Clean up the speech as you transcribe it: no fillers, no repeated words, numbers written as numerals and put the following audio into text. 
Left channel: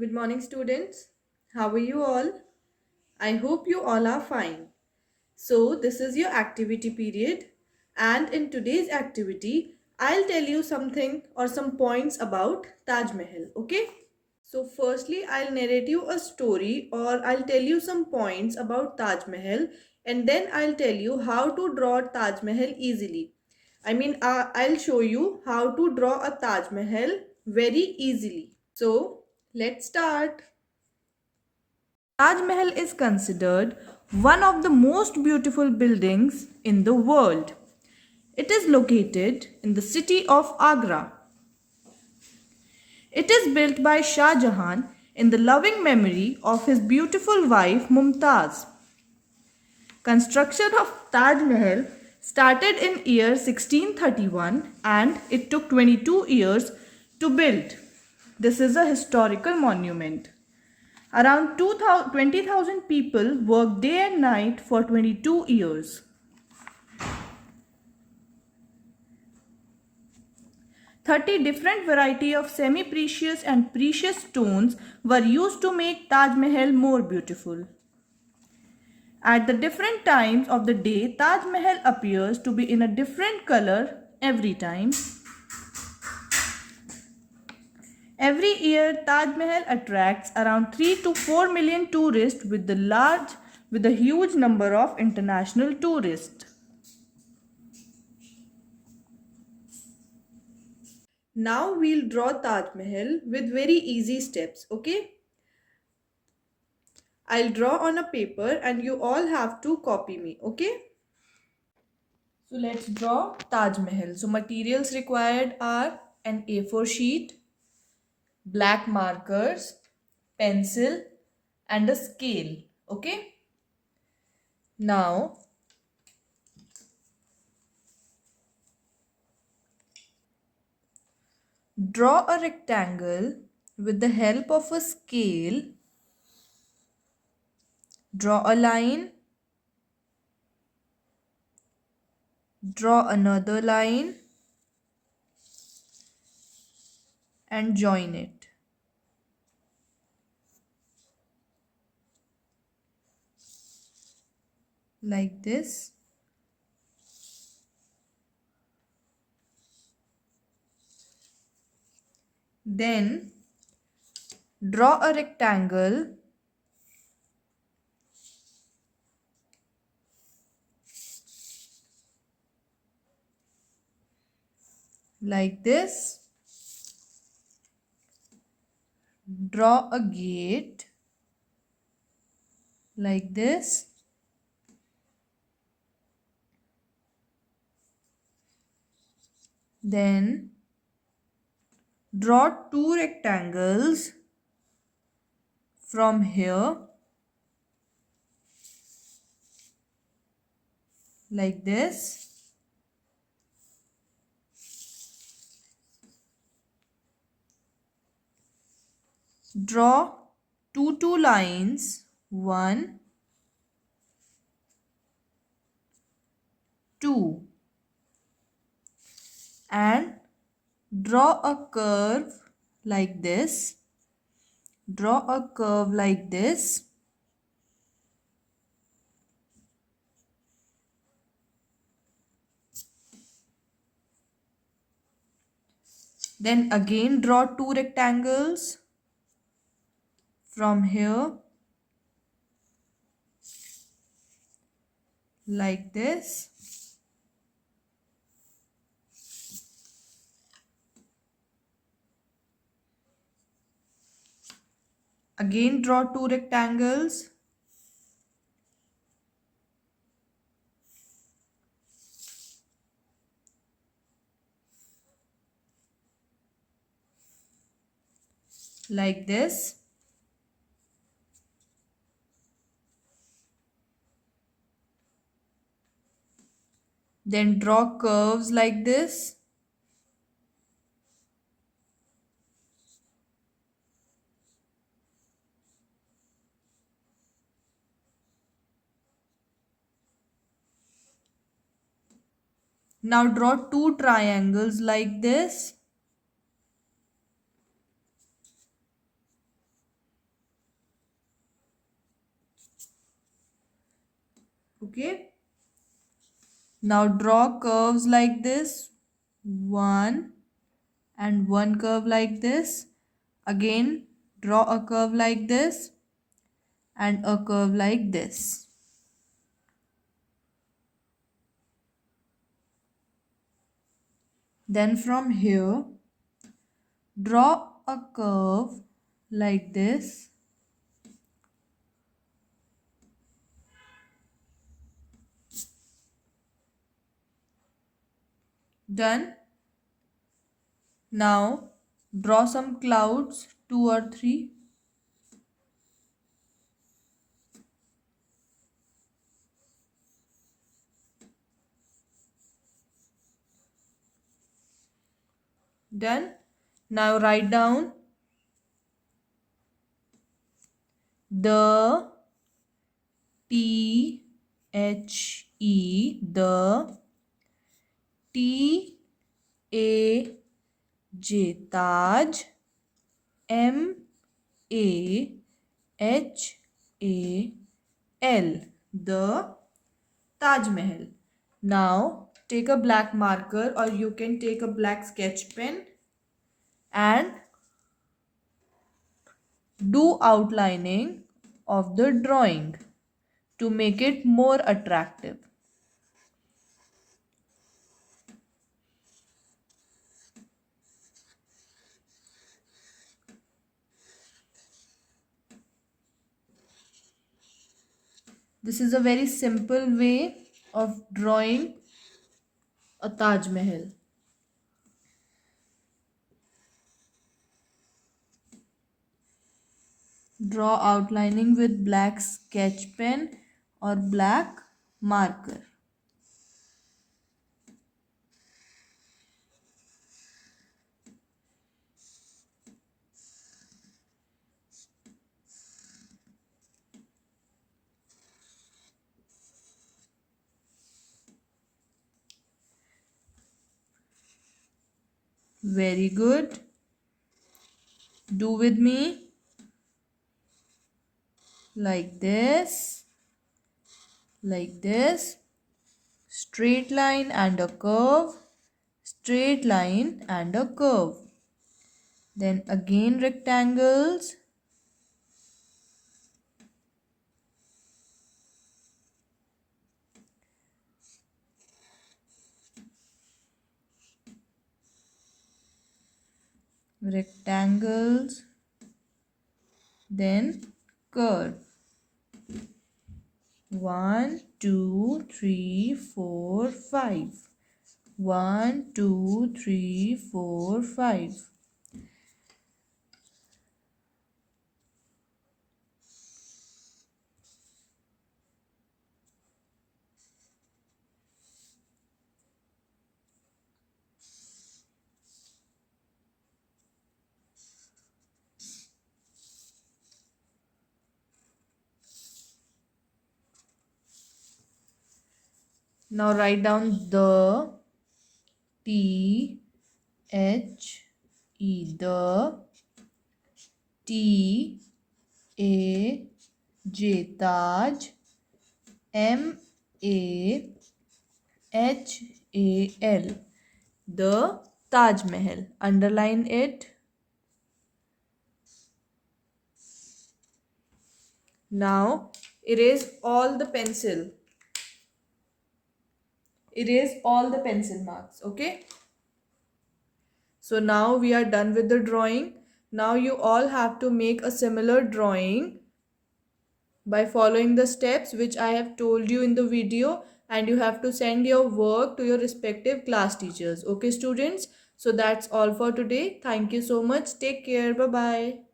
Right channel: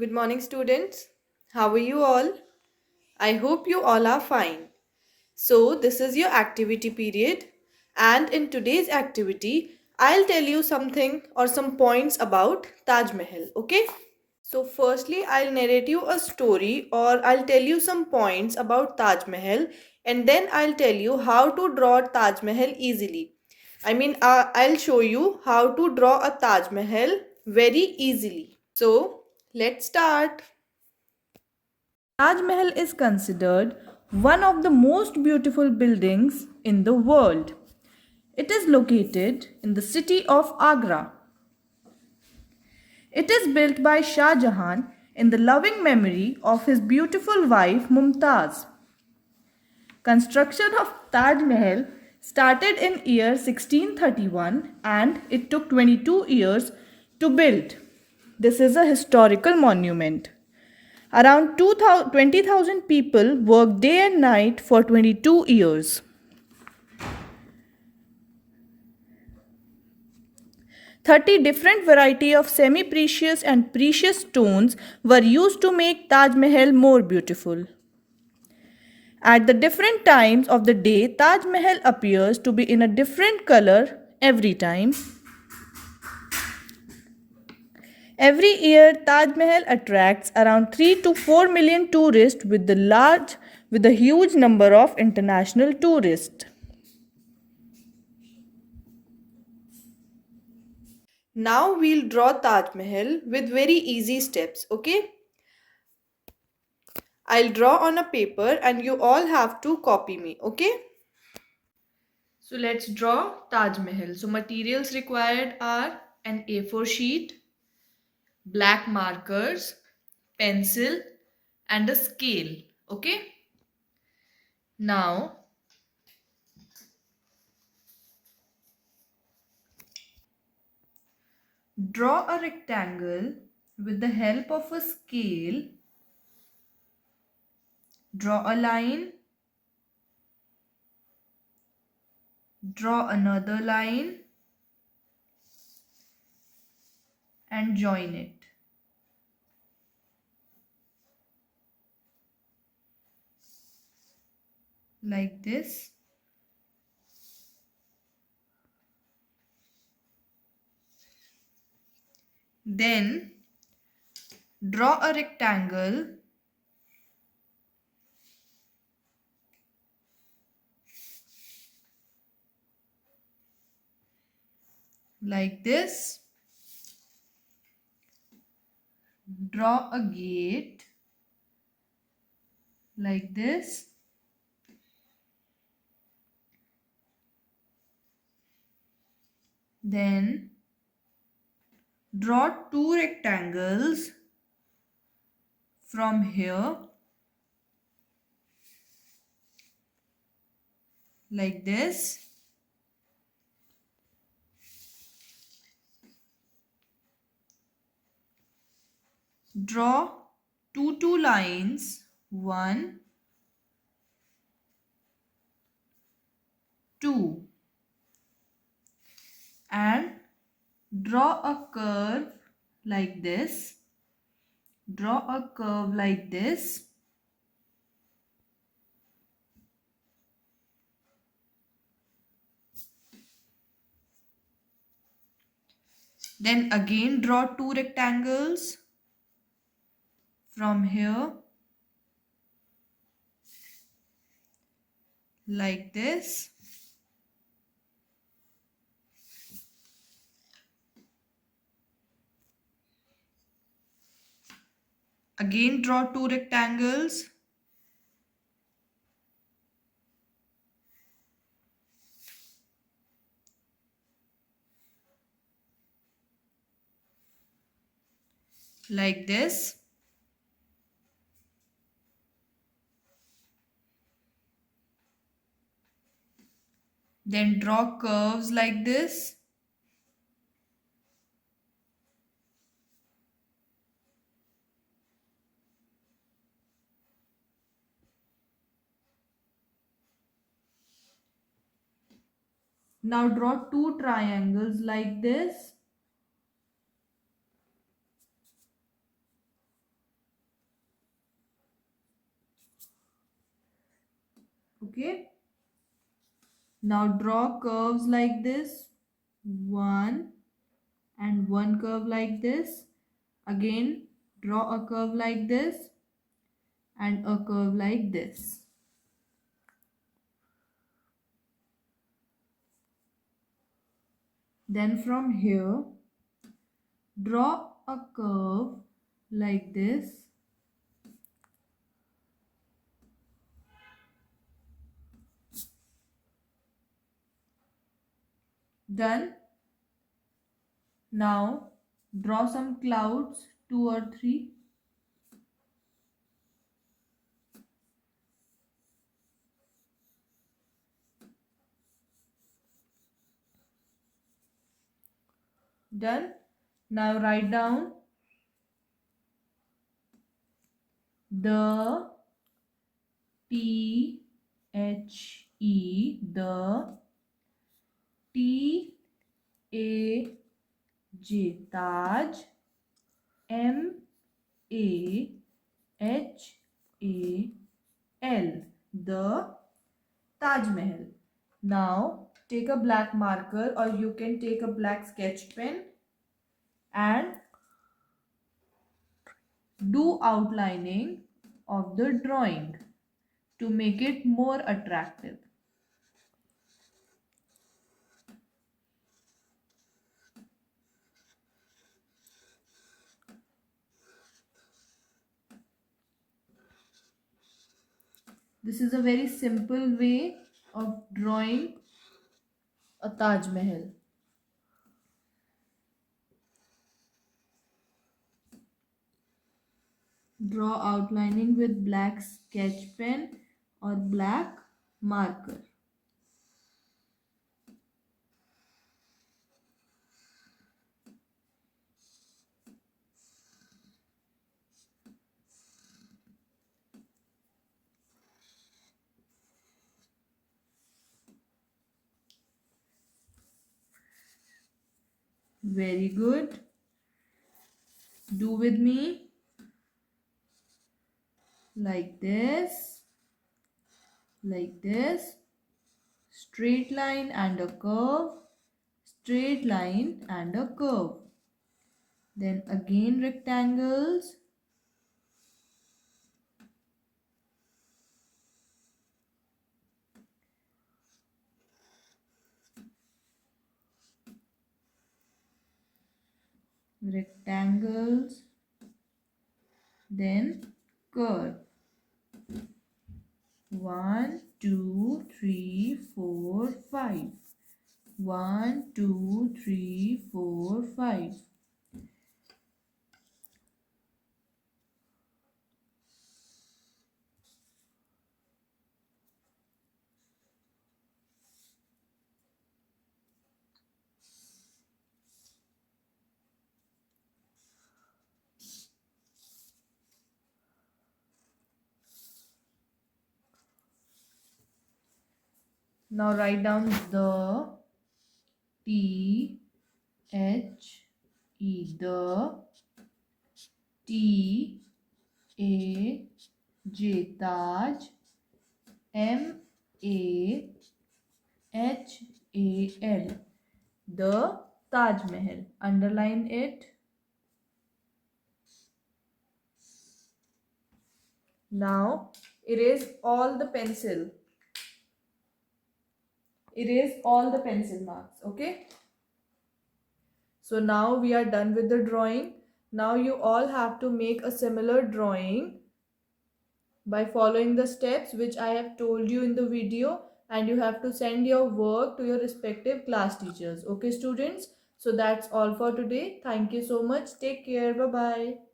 Good morning, students. How are you all? I hope you all are fine. So, this is your activity period, and in today's activity, I'll tell you something or some points about Taj Mahal. Okay? So, firstly, I'll narrate you a story or I'll tell you some points about Taj Mahal, and then I'll tell you how to draw Taj Mahal easily. I'll show you how to draw a Taj Mahal very easily. So, let's start. Taj Mahal is considered one of the most beautiful buildings in the world. It is located in the city of Agra. It is built by Shah Jahan in the loving memory of his beautiful wife Mumtaz. Construction of Taj Mahal started in year 1631 and it took 22 years to build. This is a historical monument. Around 20,000 people worked day and night for 22 years. 30 different variety of semi-precious and precious stones were used to make Taj Mahal more beautiful. At the different times of the day, Taj Mahal appears to be in a different color every time. Every year, Taj Mahal attracts around 3 to 4 million tourists with a huge number of international tourists. Now we'll draw Taj Mahal with very easy steps, okay? I'll draw on a paper and you all have to copy me, okay? So let's draw Taj Mahal. So materials required are an A4 sheet, black markers, pencil and a scale, okay? Now draw a rectangle with the help of a scale. Draw a line, draw another line and join it. Like this. Then draw a rectangle like this. Draw a gate like this. Then draw two rectangles from here like this. Draw two lines, 1, 2, and draw a curve like this. Draw a curve like this. Then again draw two rectangles from here like this. Again draw two rectangles. Like this. Then draw curves like this. Now draw two triangles like this. Okay. Now draw curves like this. One and one curve like this. Again, draw a curve like this and a curve like this. Then from here, draw a curve like this. Done. Now draw some clouds, 2 or 3. Done. Now write down the the Taj, Mahal, the Taj Mahal. Now take a black marker or you can take a black sketch pen and do outlining of the drawing to make it more attractive. This is a very simple way of drawing a Taj Mahal. Draw outlining with black sketch pen or black marker. Very good. Do with me. Like this. Like this. Straight line and a curve. Straight line and a curve. Then again rectangles. Rectangles. Then curve. 1, 2, 3, 4, 5. 1, 2, 3, 4, 5. Now write down the the Taj, Mahal, the Taj Mahal. Underline it. Now erase all the pencil. Erase all the pencil marks. Okay. So now we are done with the drawing. Now you all have to make a similar drawing by following the steps which I have told you in the video, and you have to send your work to your respective class teachers. Okay students, so that's all for today. Thank you so much. Take care. Bye bye.